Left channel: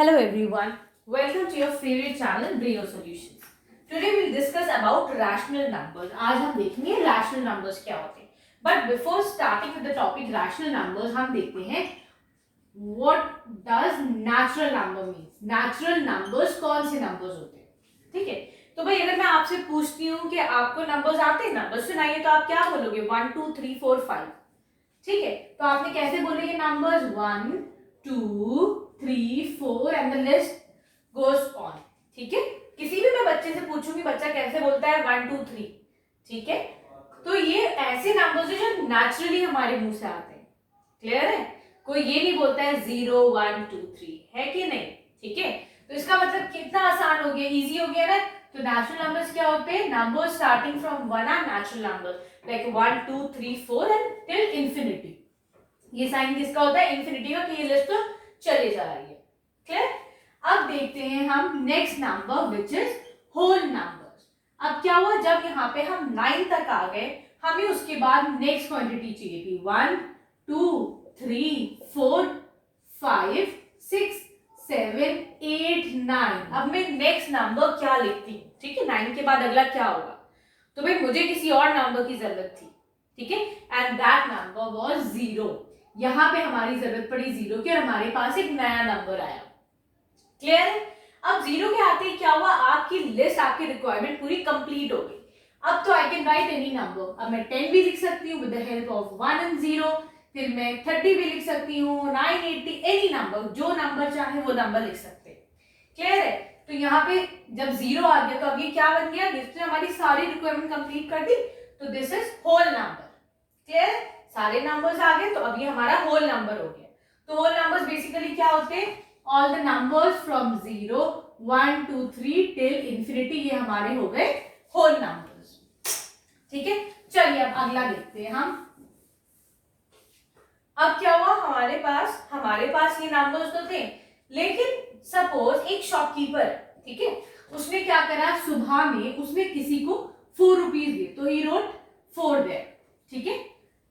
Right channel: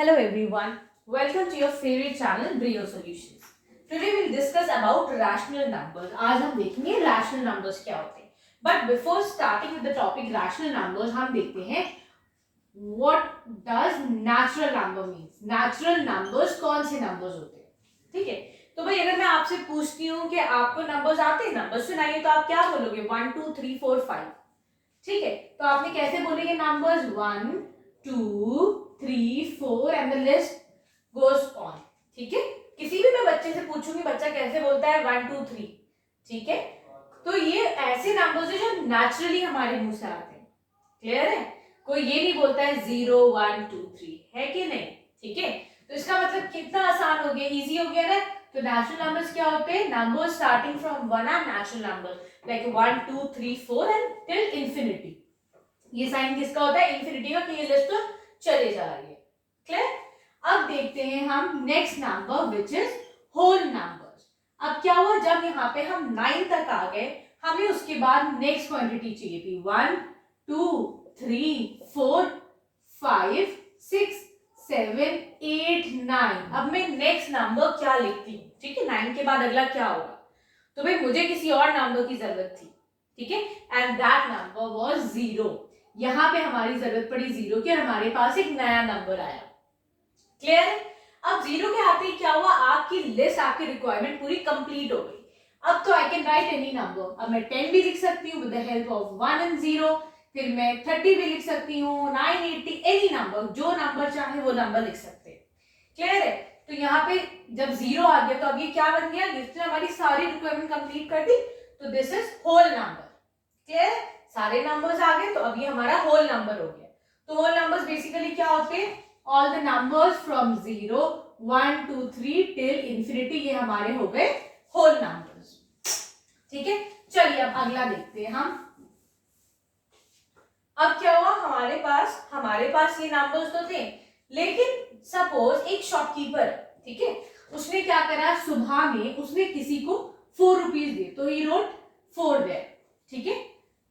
Hello everyone, welcome to your favorite channel Brio Solutions. Today we'll discuss about rational numbers. आज हम देखेंगे rational numbers क्या होते हैं. But before starting with the topic rational numbers, हम देखते हैं what does natural number means. Natural numbers कौन से numbers होते हैं, ठीक है. तो भाई अगर मैं आपसे पूछती हूँ कि आपको numbers आते हैं, numbers सुनाइए, तो आप क्या बोलोगे? 1 2 3 4 5, ठीक है. तो आपने कैसे बोलेंगे numbers? 1 2 3 4 and the list goes on, ठीक है. किसी भी मैं बच्चे से पूछूंगी बच्चा कैसे बोलता है 1 2 3, ठीक है. तो ये ऐसे नंबर्स है जो नेचुरली हमारे मुंह से आते हैं. क्लियर है? कोई ये नहीं बोलता है 0 1 2 3, है कि नहीं? ठीक है. तो इसका मतलब कितना आसान हो गया, इजी हो गया ना. तो नेचुरल नंबर्स क्या होते हैं? Numbers starting from 1 are natural numbers like 1 2 3 4 and till infinity. ये साइन किसका होता है? इंफिनिटी का, कि ये लिस्ट तो चले जा रही है. क्लियर? अब देखते हैं हम next number which is whole numbers. अब क्या हुआ, जब यहाँ पे हम 9 तक आ गए, हमें उसके बाद नेक्स्ट क्वांटिटी चाहिए थी 1 2 3 4 5 6 7 8 9. अब मैं नेक्स्ट नंबर क्या लिखती हूँ? ठीक है, 9 के बाद अगला क्या होगा? तो भाई मुझे किसी और नंबर की जरूरत थी, ठीक है, एंड दैट नंबर वाज 0. यहां पे हमारी जरूरत पड़ी 0 की और हमारे पास एक नया नंबर आया. क्लियर है? अब 0 के आते ही क्या हुआ, आपकी लिस्ट, आपकी रिक्वायरमेंट पूरी कंप्लीट हो गई. अब तो I can write any number. अब मैं 10 भी लिख सकती हूँ with the help of 1 and 0. फिर मैं 30 भी लिख सकती हूँ, 980, एनी नंबर, जो नंबर चाहे वो नंबर लिख सकते हैं. क्लियर है? तो यहाँ पे जब 0 आ गया तो अब ये क्या बन गया, जिसने हमारी सारी रिक्वायरमेंट कंप्लीट कर दी. तो this is whole number. Clear है? सारे नंबर्स आ गए तो अभी हमारा होल नंबर हो गया. तो होल नंबर्स बेसिकली क्या होते हैं? All the numbers from 0 1 2 3 till infinity, ये हमारे हो गए होल नंबर्स. ठीक है, चलिए अब अगला देखते हैं हम. अब क्या हुआ, हमारे पास ये नंबर्स तो थे, लेकिन सपोज एक शॉपकीपर है, ठीक है, उसने क्या करा, सुबह में उसने किसी को 4 रुपीज दिए, तो ही रोट 4 देयर. ठीक है.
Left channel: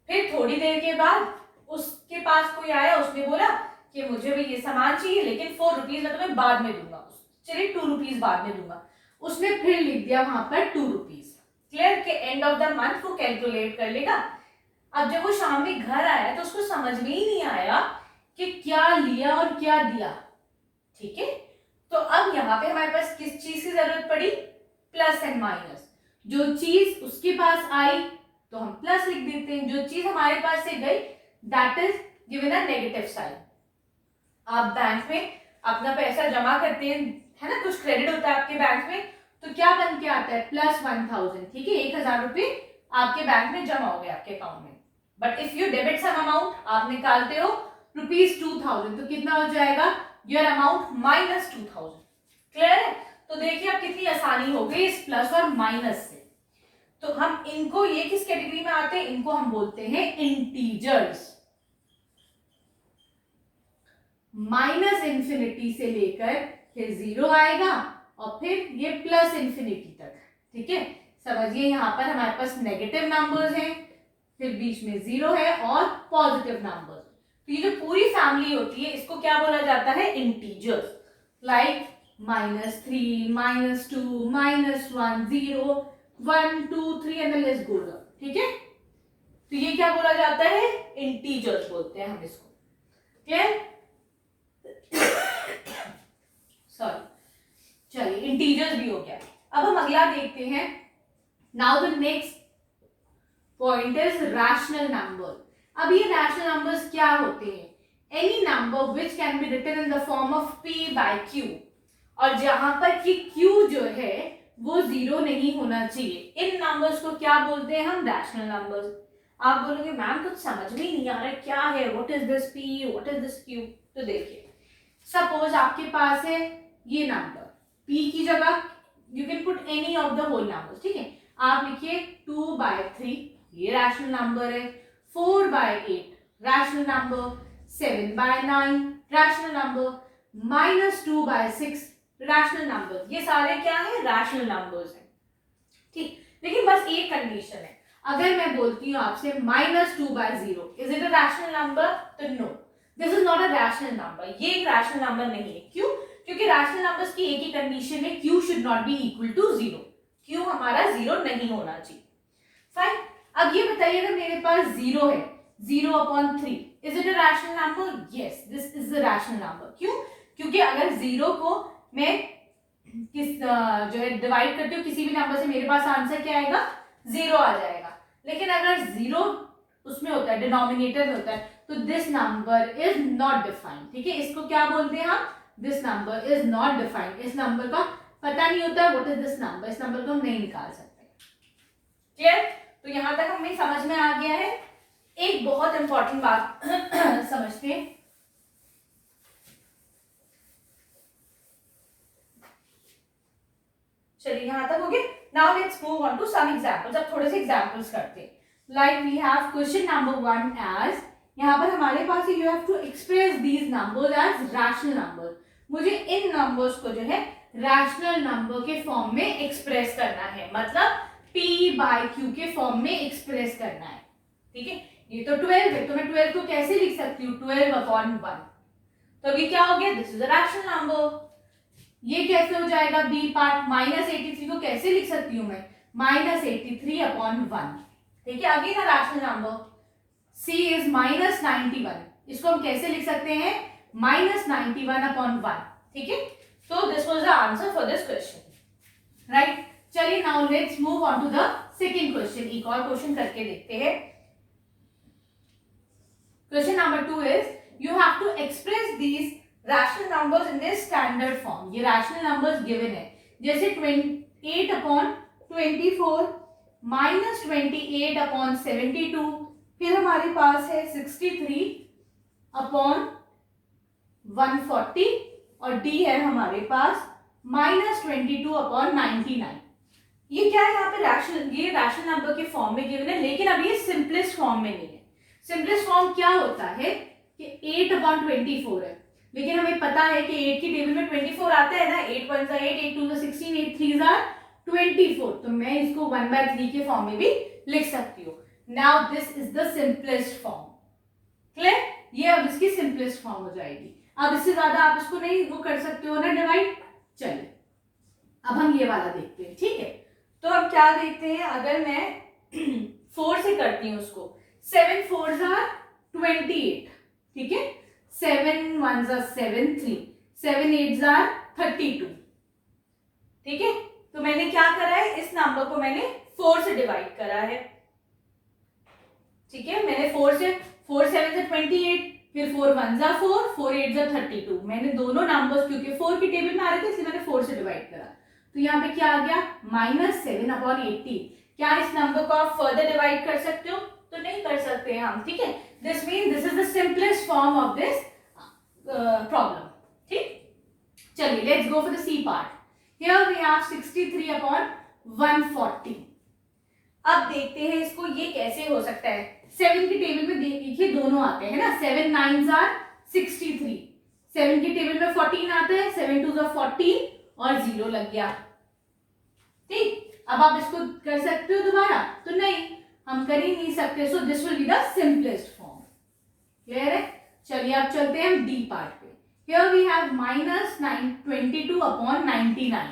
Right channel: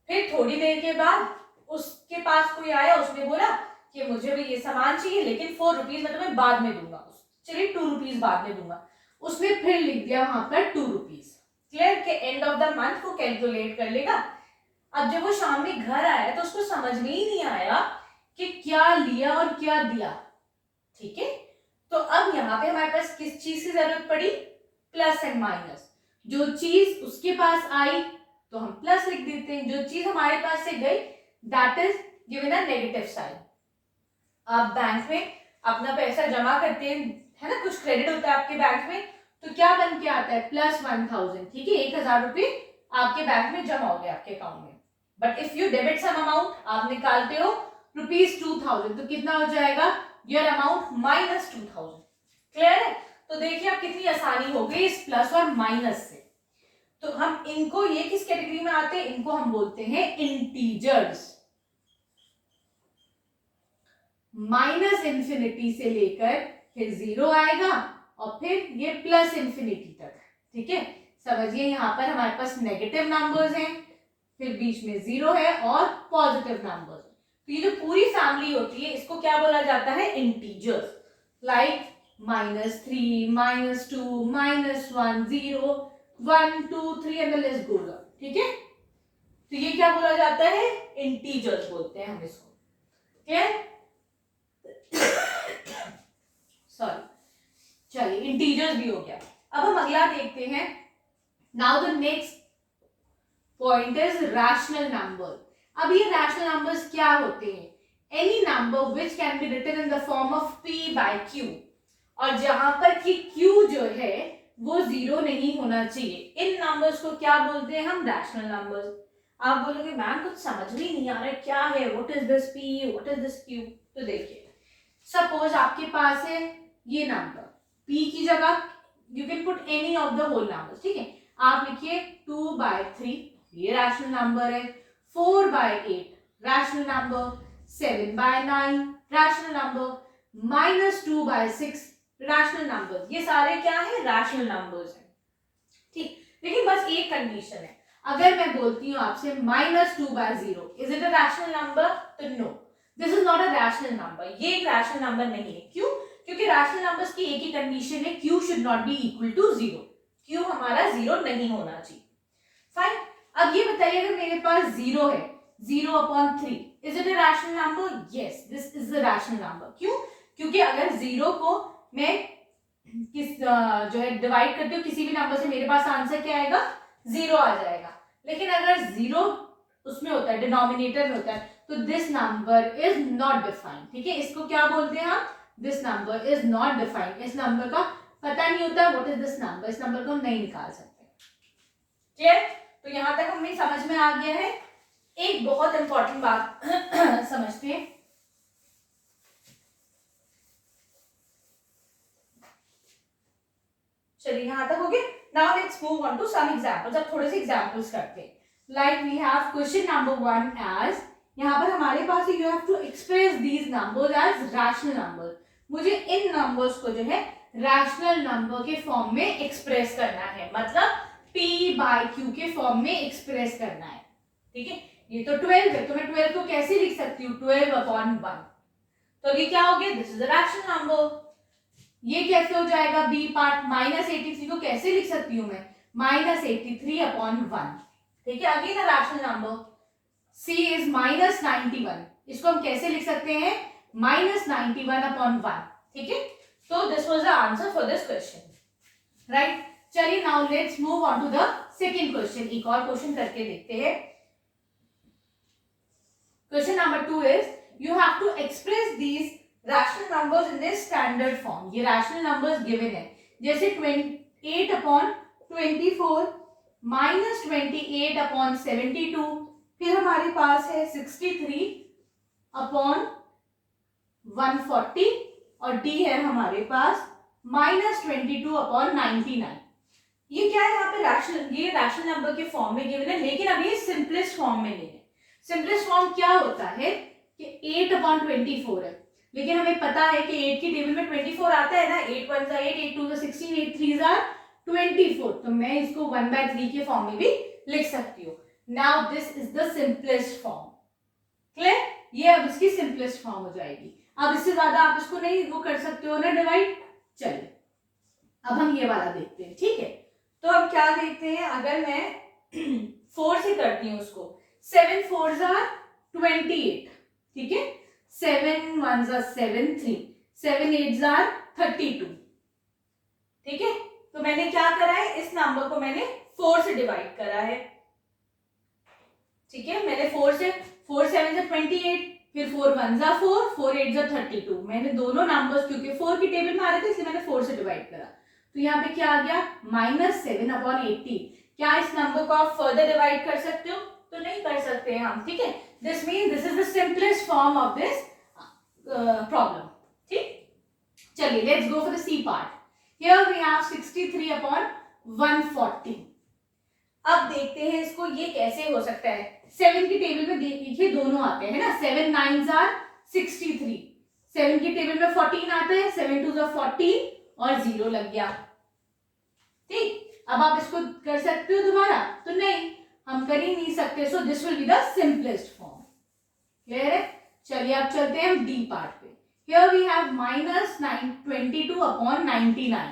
फिर थोड़ी देर के बाद उसके पास कोई आया, उसने बोला कि मुझे भी ये सामान चाहिए, लेकिन 4 रुपीज मैं तुम्हें बाद में दूंगा. चलिए 2 रुपीज बाद में दूंगा. उसने फिर लिख दिया वहां पर 2 रुपीज. क्लियर? के एंड ऑफ द मंथ वो कैलकुलेट कर लेगा. अब जब वो शाम में घर आया तो उसको समझ में ही नहीं आया कि क्या लिया और क्या दिया. ठीक है. तो अब यहाँ पे हमारे पास किस चीज की जरूरत पड़ी? Plus and minus. जो चीज उसके पास आई तो हम प्लस लिख देते हैं, जो चीज हमारे पास से गई that is given a negative sign. आप बैंक में अपना पैसा जमा करते हैं, है ना, कुछ क्रेडिट होता है आपके बैंक में, तो क्या बन के आता है? प्लस 1000. ठीक है, 1000 रुपये आपके बैंक में जमा हो गए आपके अकाउंट में. But if you debit some amount, आप निकालते हो रुपीज 2000, तो कितना हो जाएगा? Your amount minus 2000. क्लियर है? तो देखिए अब कितनी आसानी हो गई इस प्लस और माइनस से. तो हम इनको, ये किस कैटेगरी में आते हैं? इनको हम बोलते हैं इंटीजर्स. माइनस इंफिनिटी से लेकर फिर 0 आएगा और फिर ये प्लस इंफिनिटी तक. ठीक है, समझिए यहाँ पर हमारे पास नेगेटिव नंबर्स हैं, फिर बीच में 0 है और पॉजिटिव नंबर्स. तो ये जो पूरी फैमिली होती है इसको क्या बोला जाता है? Integers. Like -3 -2 -1 0 1 2 3 and the list goes on. ठीक है, तो ये क्या बोला जाता है? इंटीजर्स बोलते हैं हम इसको. क्लियर? सॉरी, चलिए इंटीजर्स भी हो गया. अब हम अगला देखते हैं. Now the next point is rational number. अब ये रैशनल नंबर्स क्या होते हैं? Any number which can be written in the form of p by q, और जहां पर कि q जो है वो 0 नहीं होना चाहिए. इन नंबर्स को क्या बोलते हैं हम? Rational numbers. आप बोलोगे मैम कुछ समझ में नहीं आ रहा है, क्या है, what is this p, what is this q? तो देखिए, सपोज आपके पास है ये नंबर, p की जगह you can put any of the whole numbers. ठीक है, आप लिखिए 2/3, ये रैशनल नंबर है. 4/8 rational number. 7/9 rational number. -2/6 rational number. ये सारे क्या है? रैशनल नंबर्स हैं. ठीक, लेकिन बस एक कंडीशन है. अगर मैं बोलती हूँ आपसे -2/0, is it a rational number? तो no, this is not a rational number. ये एक रैशनल नंबर नहीं है. क्यों? रैशनल नंबर्स की एक ही कंडीशन है, q should not be equal to 0, q हमारा 0 नहीं होना चाहिए। फाइन, अब ये बताइए अगर मेरे पास 0 है, 0/3, is it a rational number? Yes, this is a rational number. क्यों? क्योंकि अगर 0 को मैं जो है डिवाइड करते हो किसी भी नंबर से, मेरे पास आंसर क्या आएगा? 0 आ जाएगा। लेकिन अगर 0 उसमें होता है, डिनोमिनेटर में होता है, तो this number is not defined. ठीक है, इसको क्या बोलते हैं हम? This number is not defined. इस नंबर का पता नहीं होता व्हाट इज दिस नंबर, इस नंबर को हम नहीं निकाल सकते। क्लियर? तो यहां तक हमें समझ में आ गया है। एक बहुत इंपॉर्टेंट बात समझते हैं। चलिए यहां तक हो गया। Now let's move on to some examples. अब थोड़े से एग्जांपल्स करते हैं। Like we have question number 1 as, यहाँ पर हमारे पास you have to express these numbers as rational numbers. मुझे इन नंबर्स को जो है रैशनल नंबर के फॉर्म में एक्सप्रेस करना है, मतलब p/q के फॉर्म में एक्सप्रेस करना है। ठीक है, ये तो 12 है, तो मैं 12 को कैसे लिख सकती हूँ? 12/1। तो अभी क्या हो गया? This is a rational number. ये कैसे हो जाएगा? बी पार्ट, -83 को कैसे लिख सकती हूँ मैं? -83/1। ठीक है, again a rational number. c is -91, इसको हम कैसे लिख सकते हैं? -91/1। ठीक है, तो this was the answer for this question, right. चलिए now let's move on to the second question. एक और क्वेश्चन करके देखते हैं। Question number 2 is you have to express these rational numbers in this standard form. ये rational numbers given है, जैसे 8/24 -28/72, फिर हमारे पास है 63/140 और डी है हमारे पास -22/99। ये क्या है? यहाँ पे रैशनल, ये रैशनल नंबर के फॉर्म में गिवन है, लेकिन अब ये सिंपलेस्ट फॉर्म में नहीं है। सिंपलेस्ट फॉर्म क्या होता है कि 8/24 है, लेकिन हमें पता है कि 8 की टेबल में 24 आता है ना। 8 1 8, 8 2 16, 8 3 24, तो मैं इसको 1/3 के फॉर्म में भी लिख सकती हूँ। Now this is the simplest form. Clear? ये अब इसकी सिंपलेस्ट फॉर्म हो जाएगी। अब इससे ज्यादा आप इसको नहीं वो कर सकते हो ना डिवाइड। चलिए अब हम ये वाला देखते हैं। ठीक है, तो अब क्या देखते हैं? अगर मैं 4 से करती हूँ उसको, 7 4s are 28। ठीक है, 7 1s are 7 3, 7 8s are 32। ठीक है, तो मैंने क्या करा है? इस नंबर को मैंने 4 से डिवाइड करा है। ठीक है, मैंने 4 7 से 28, फिर 4 1s are 4, 4 8s are 32। मैंने दोनों नंबर्स, क्योंकि 4 की टेबल में आ रहे थे इसलिए मैंने 4 से डिवाइड करा। तो यहाँ पे क्या आ गया? -7/80। क्या इस नंबर को आप फर्दर डिवाइड कर सकते हो? तो नहीं कर सकते हैं हम। ठीक है, this mean this is the simplest form of this problem. ठीक, चलिए let's go for the C part. Here we have 63/140। अब देखते हैं इसको, ये कैसे हो सकता है? 7 की टेबल में देखिए दोनों आते हैं ना, 7 9s are 63, 7 की टेबल में 14 आते हैं, 7 2s are 14 और 0 लग गया। ठीक, अब आप इसको कर सकते हो दोबारा? तो नहीं, हम कर ही नहीं सकते। So this will be the simplest form. Clear है? चलिए अब चलते हैं हम डी पार्ट पे। Here we have -22/99।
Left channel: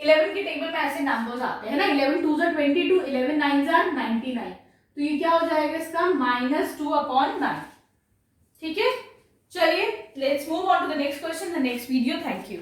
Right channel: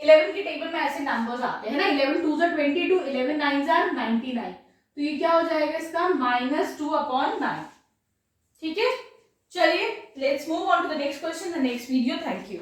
11 की टेबल में ऐसे नंबर्स आते हैं ना, 11 2s are 22, 11 9s are 99। तो ये क्या हो जाएगा इसका? -2/9। ठीक है, चलिए let's move on to the next question, the next video. Thank you.